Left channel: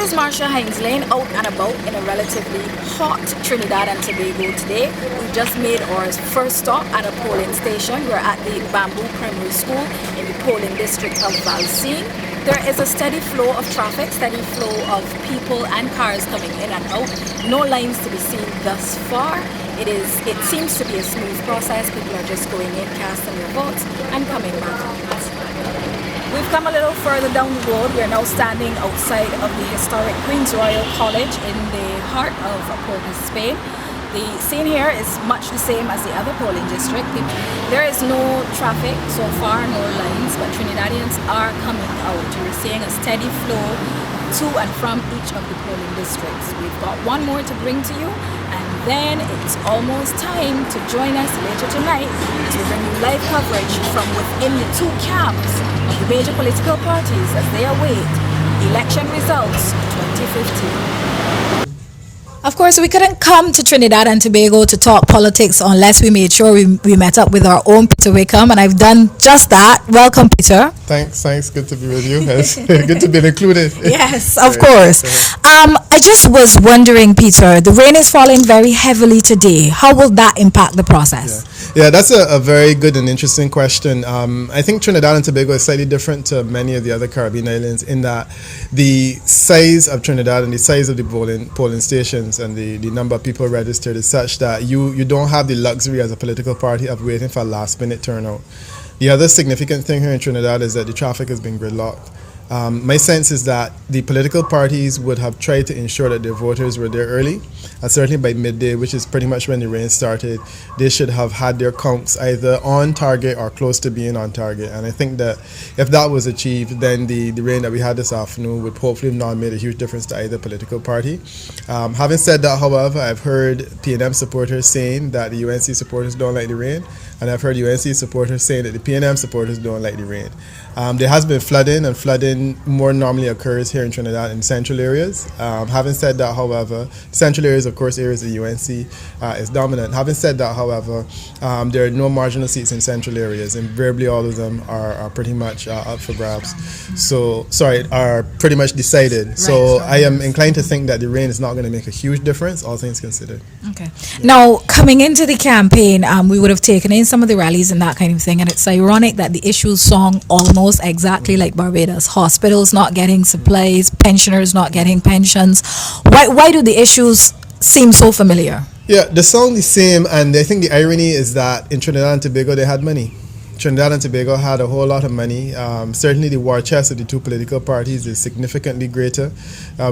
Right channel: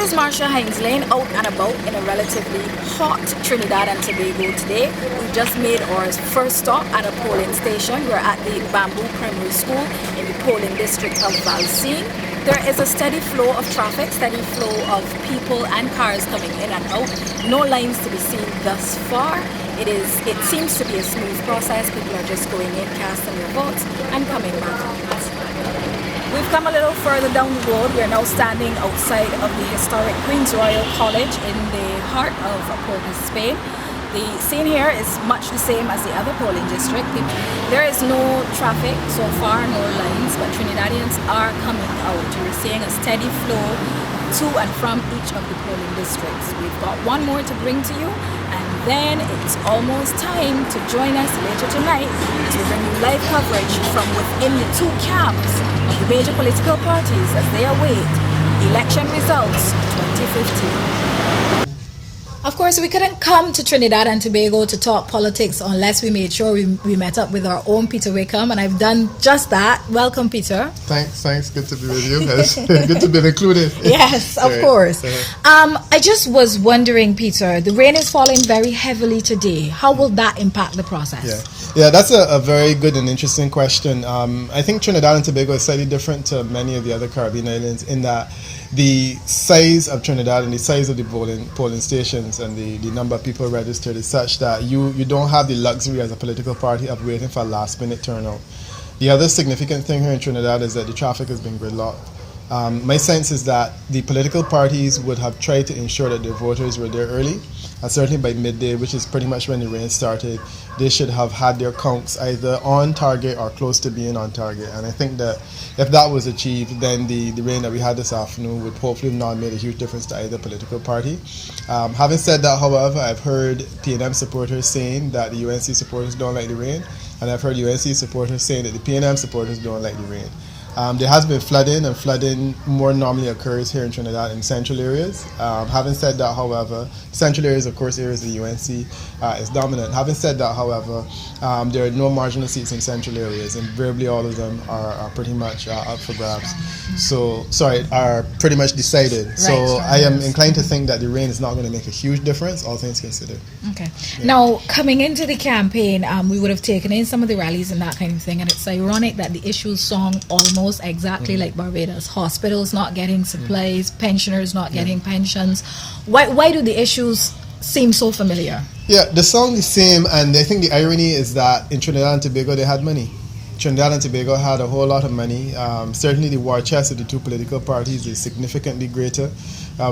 is Marsha Lane out and about in a relatively hot Trinidad and Tobago today. We just made our first stop at a polling station. We're at the Bamboo Primary School in the polling district of Valsine. There is a steady flow of traffic, steady flow of people and cars coming in and out. No lines to be seen thus far. It seems to be a smooth process. People are just going in, casting their votes, and coming back out. We've come a little further down the road. We're now standing outside of the historic Queen's Royal College in the heart of Port of Spain. The scene here is much the same as the other polling district. There is no traffic so far, no lines, but Trinidadians are coming out. You're seeing a steady flow to and from each of the polling districts. We've got one more to bring to you, and then it's almost time to join us later tonight as we bring you live coverage from within the two camps of the major political parties as they await election results 2015. Of course, we couldn't come to Trinidad and Tobago to talk politics unless we made sure we met up with our own Peter Wickham, and I've done just that. Welcome, Peter. Thanks. Good to be with you. It's good to be included. Yes, of course. I just was wondering, Peter, the rain is falling very heavily today. How will that impact the process? Yeah, that's a very good and interesting question. I think Trinidad and Tobago is slightly different to many of the other Caribbean islands in that the size of Trinidad and the size of the polling stations and the number of people registered is such that you don't have the luxury as a political party of waiting for a last minute turnout. The other significant thing here in Trinidad is that the traffic has been gridlocked. My sense is that the political parties would have tried to ensure that their voters were there early, and certainly by midday, which is pretty much when the rain started, they should have had their counts either on target or close to being on target. And I think that if that was achieved, then the rain that we had this afternoon would hopefully not made a huge difference to either political party. Having said that, however, I've heard PNM supporters saying that the UNC supporters don't like the rain, and I've heard UNC supporters saying that the PNM supporters don't like the rain. There has been flooding, and flooding more normally occurs here in Trinidad in central areas. Having said that, however, central areas, of course, areas the UNC is dominant. Having said that, however, there are no marginal seats in central areas. Invariably, all of them are pretty much up for grabs. Are pretty much decided. Right, so I am inclined to think that the rain is not going to make a huge difference, all things considered. Okay. Yeah. Now, coming into the campaign, we would have taken in some of the rallies and that kind of thing, and it's ironic that the issues song almost exactly like Barbados. Hospitals not getting supplies, pensioners not getting pensions. Why do the issues seem so familiar? Yeah, the song is same, and I think the irony is that in Trinidad and Tobago they had money. Trinidad and Tobago had a whole lot of money. Certainly the war chest of the two political parties is significantly greater.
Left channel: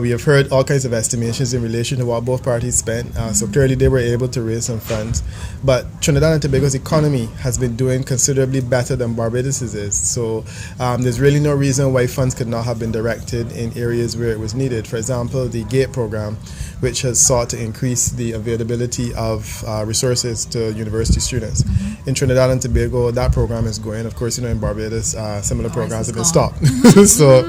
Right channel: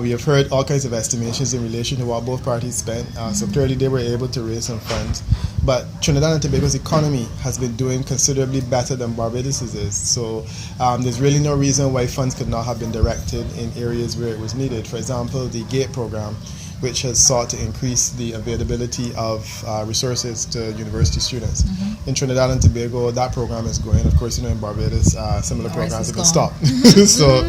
We have heard all kinds of estimations in relation to what both parties spent. So clearly they were able to raise some funds. But Trinidad and Tobago's economy has been doing considerably better than Barbados's is. So there's really no reason why funds could not have been directed in areas where it was needed. For example, the GATE program, which has sought to increase the availability of resources to university students. In Trinidad and Tobago, that program is going. Of course, in Barbados, similar programs have been stopped. So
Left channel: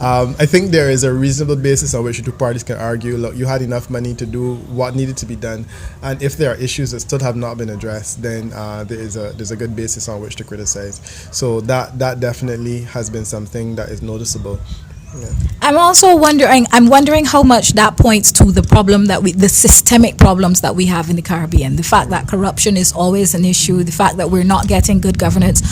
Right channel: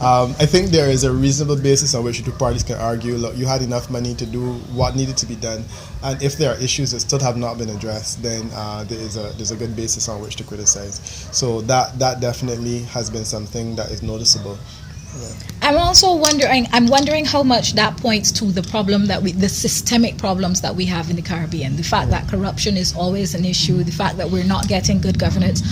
I think there is a reasonable basis on which the two parties can argue, look, you had enough money to do what needed to be done, and if there are issues that still have not been addressed, then there's a good basis on which to criticize. So that definitely has been something that is noticeable. Yeah. I'm wondering how much that points to the problem the systemic problems that we have in the Caribbean. The fact that corruption is always an issue, the fact that we're not getting good governance.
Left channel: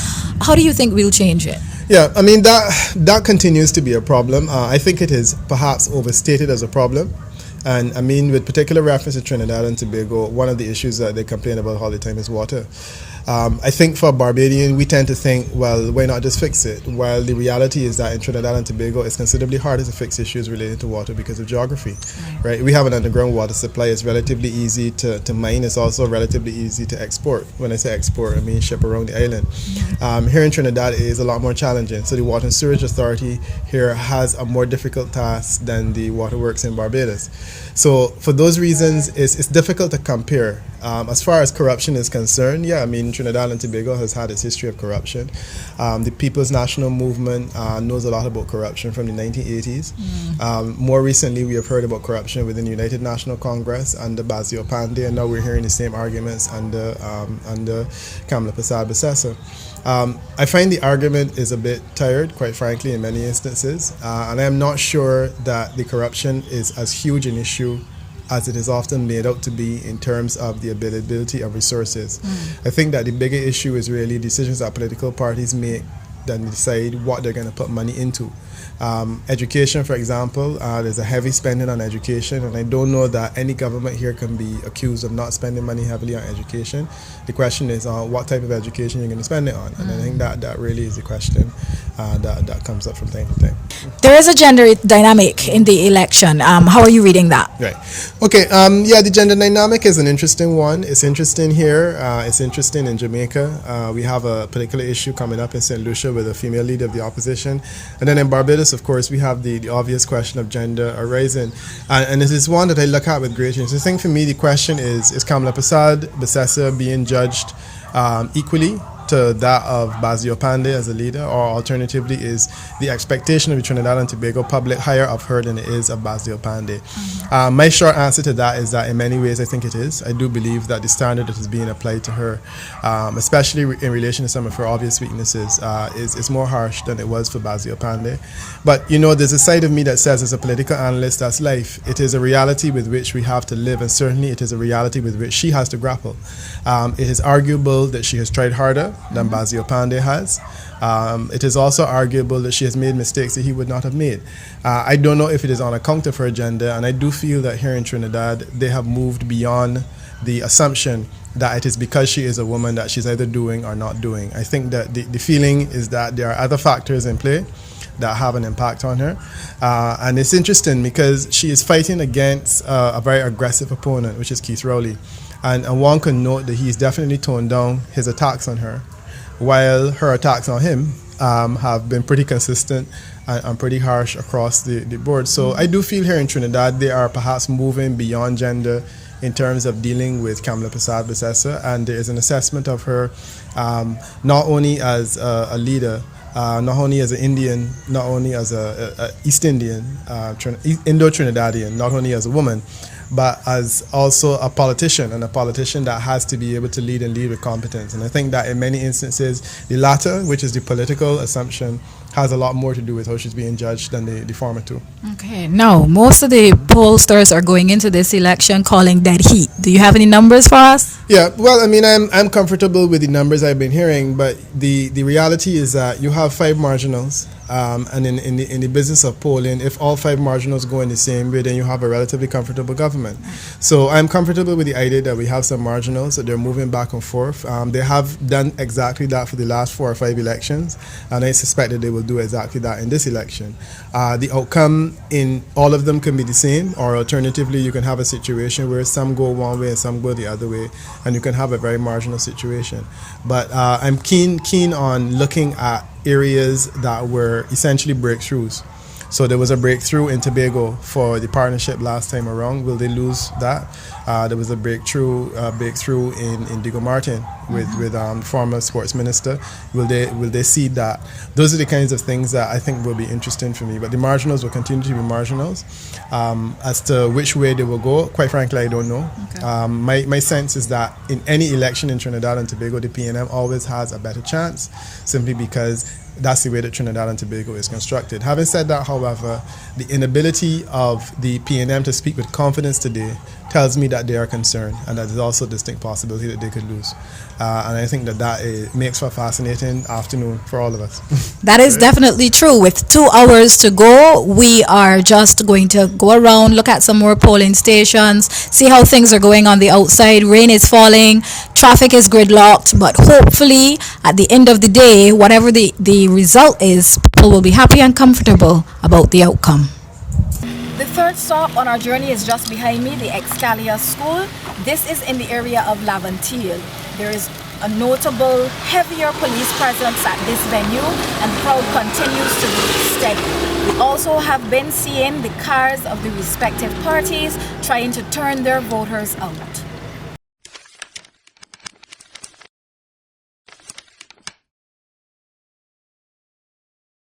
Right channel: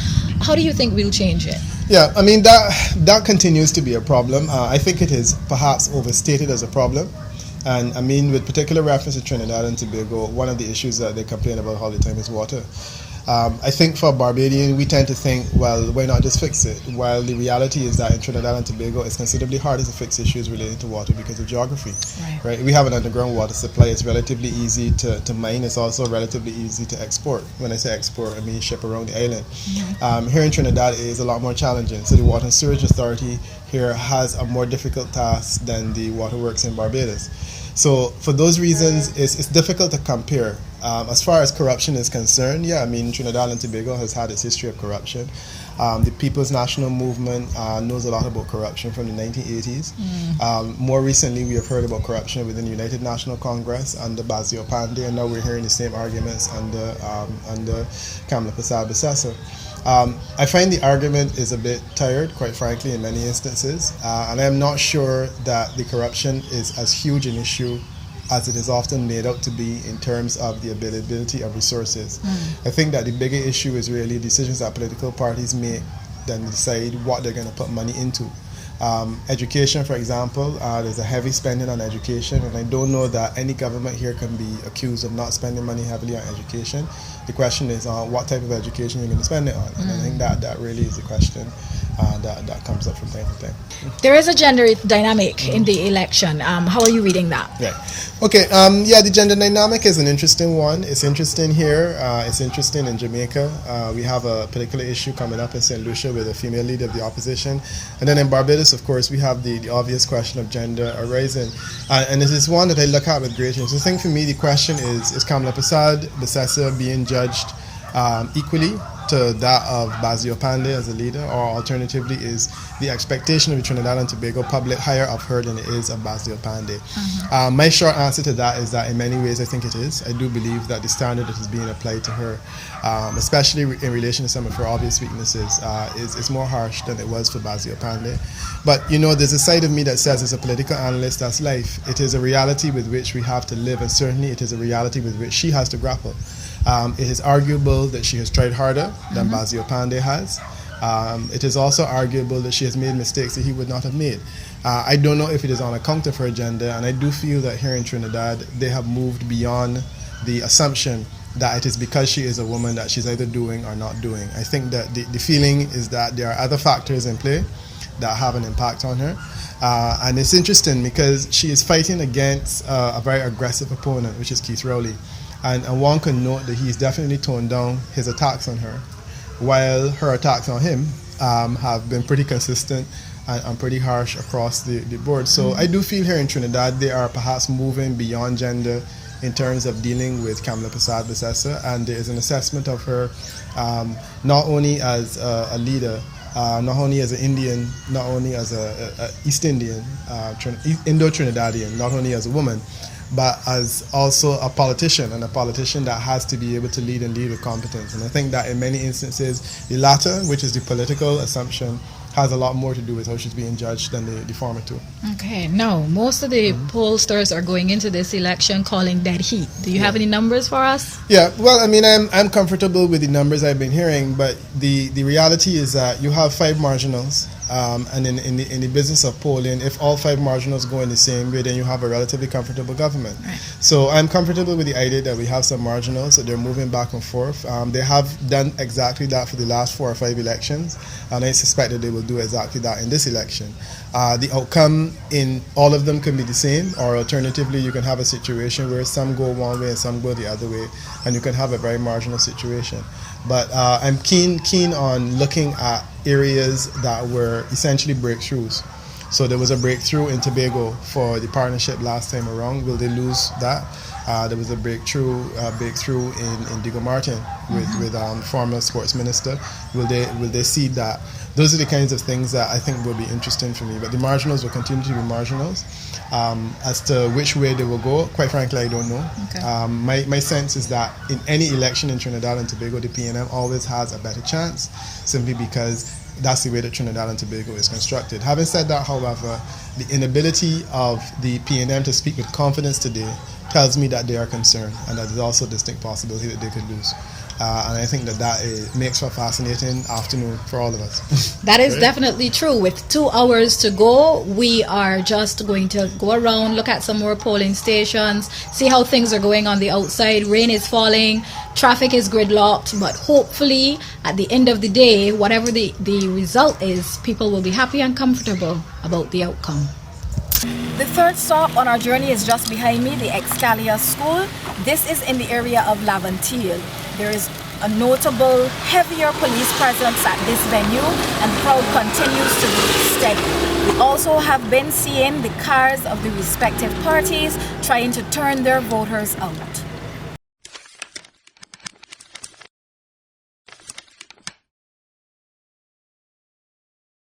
How do you think we'll change it? Yeah, I mean, that continues to be a problem. I think it is perhaps overstated as a problem. And I mean, with particular reference to Trinidad and Tobago, one of the issues that they complain about all the time is water. I think for a Barbadian, we tend to think, well, why not just fix it? While the reality is that in Trinidad and Tobago, it's considerably harder to fix issues related to water because of geography. Right? We have an underground water supply. It's relatively easy to mine. It's also relatively easy to export. When I say export, I mean ship around the island. Here in Trinidad, it is a lot more challenging. So the Water and Sewerage Authority here has a more difficult task than the waterworks in Barbados. So for those reasons, it's difficult to compare. As far as corruption is concerned, yeah, I mean, Trinidad and Tobago has had its history of corruption. The People's National Movement knows a lot about corruption from the 1980s. More recently, we have heard about corruption within the United National Congress under Basil Pandey, and now we're hearing the same arguments under Kamala Persad-Bissessor. I find the argument is a bit tired, quite frankly, in many instances, and I'm not sure that the corruption is as huge an issue as it is often made out to be in terms of the availability of resources. I think that the bigger issue is really decisions that political parties make that decide what they're going to put money into. Education, for example, there's a heavy spending on education, and I don't know that any government here can be accused of not spending money heavily on education. The question is what type of education you're going to spend it on, and I think that really is the question that comes up from time to time. There is a gender dynamic in the election. How are you reading that? Right. Okay. Yeah, the gender dynamic is an interesting one. It's interesting here. It's interesting in Jamaica. We have a particular issue coming up in St. Lucia with a female leader of the opposition. And then in Barbados, of course, we have the obvious question of gender arising. And this is one that I look at with great interest. I think for me, the question is Kamala Persad-Bissessor being judged equally to that of Basil Pandey as a leader, or alternatively is the expectation of the Trinidad and Tobago public higher of her than it is of Basil Pandey? My short answer to that is that in many ways I think it is. I do believe that the standard that is being applied to her, especially in relation to some of her obvious weaknesses, is more harsh than it was for Basil Pandey. But you know, there's a side of me that says, as a political analyst, that's life. It is a reality with which we have to live, and certainly it is a reality with which she has to grapple. It is arguable that she has tried harder than Basil Pandey has. It is also arguable that she has made mistakes that he would not have made. I don't know if it is on account of her gender, and I do feel that here in Trinidad they have moved beyond the assumption that it is because she is a woman that she's either doing or not doing. I think that the feeling is that there are other factors in play that have an impact on her. And it's interesting because she is fighting against a very aggressive opponent, which is Keith Rowley. And one can note that he's definitely toned down his attacks on her, while her attacks on him have been pretty consistent and pretty harsh across the board. So I do feel here in Trinidad they are perhaps moving beyond gender in terms of dealing with Kamala Persad-Bissessor, and there is an assessment of her not only as a leader, not only as an Indian, not only as a East Indian, Indo-Trinidadian, not only as a woman, but as also a politician, and a politician that has to be able to lead and lead with competence. And I think that in many instances, the latter, which is the political assumption, has a lot more to do with how she's being judged than the former two. Okay, now most of the pollsters are going into this election calling dead heat. Do you have any numbers for us? Yeah, well, I mean, I'm comfortable with the numbers I've been hearing, but the reality is that you have 5 marginals. And in the business of polling, if all 5 marginals go in the same way, then you have a relatively comfortable government. So I'm comfortable with the idea that we have some marginals, that they're moving back and forth. They have done exactly that for the last 4 or 5 elections, and I suspect that they will do exactly that in this election. The outcome in all of them can be the same, or alternatively, you can have a situation where some go one way and some go the other way, and you can have a very marginal situation. But I'm keen on looking at areas that were essentially breakthroughs. So there was a breakthrough in Tobago for the partnership last time around. Will they lose that? There was a breakthrough in Diego Martin with former sports minister. Will they see that? Those are the kinds of things that I think will be interesting for me. But the marginals will continue to be marginals. As to which way they will go, quite frankly, I don't know. Okay. My sense is that in any election in Trinidad and Tobago, the PNM always has a better chance, simply because that's the way that Trinidad and Tobago is constructed. Having said that, however, the inability of the PNM to speak with confidence today tells me that they are concerned, and that there's also a distinct possibility that they could lose. And I think that makes for a fascinating afternoon for all of us. That is definitely true. With 2 hours to go, we are just going to go around, look at some more polling stations, see how things are going on the outside. Rain is falling, traffic is gridlocked, but hopefully at the end of the day, whatever the result is, people will be happy and comfortable about the outcome. The third stop on our journey is just behind me, the Excalibur School. This is in the area of Laventille. There is a notable heavier police presence at this venue, and the crowd continues to be steady. We also have been seeing the cars of the respective parties trying to turn their voters out.